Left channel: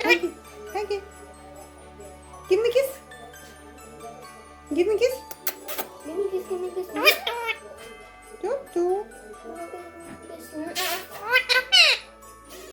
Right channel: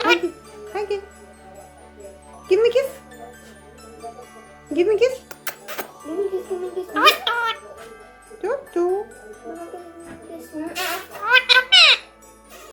Huggy, huggy. Give me a kiss. Give me a kiss. Give me kiss, give me kiss.